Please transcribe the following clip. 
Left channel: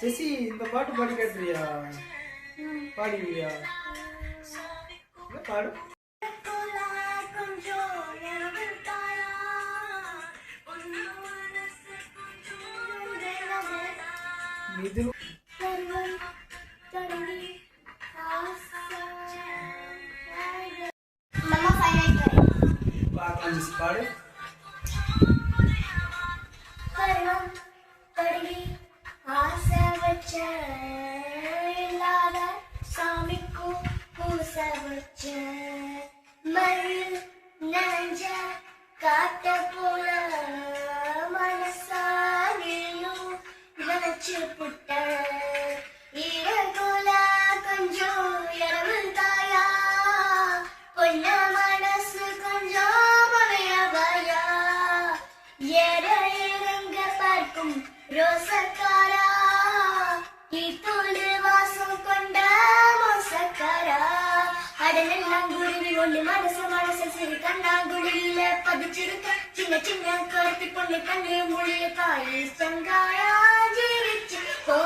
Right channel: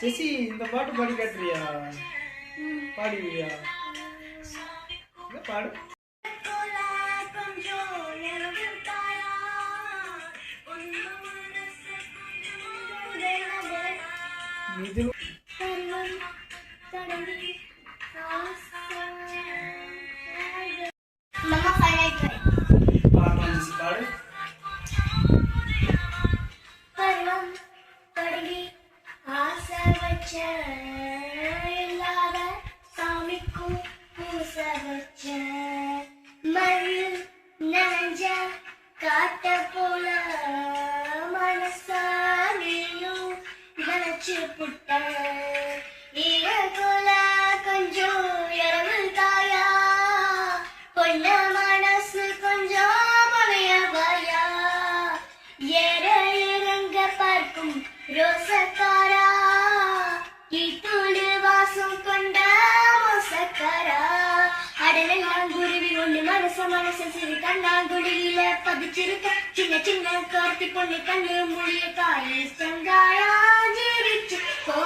ஜெசி இந்த பாட்டு பாடி காட்டுறியா? பாடுவியா? பாடு. இது மம்மா ஃபைனல் பாடலாம் ஜெசி, பாடு. பருவம் தொடங்கி ஆசை வச்ச இல்லாத சாமிக்கும் பூச வச்ச மயில் நனைஞ்ச காட்ட போல மனசாலியும் நினைச்சு புட்ட ஈரகோல கொஞ்சம் இரவல் தாயா பொண்ண மனசு கொஞ்சம் மலையவாயா ஏற இறங்க பார்க்கும் ரோசக்காரா ஈத்தோடு வாசம் கொண்ட மோசக்காரா அடலெல்லாம் குருவி ஒண்ணு மனச சிறு கண்ணாங்குழியில பதிச்சிருக்க சின்ன சின்ன கார்த்தி பொண்ணு கண்ணு மொழிய காய் சங்காயா ஜிரிச்சு போ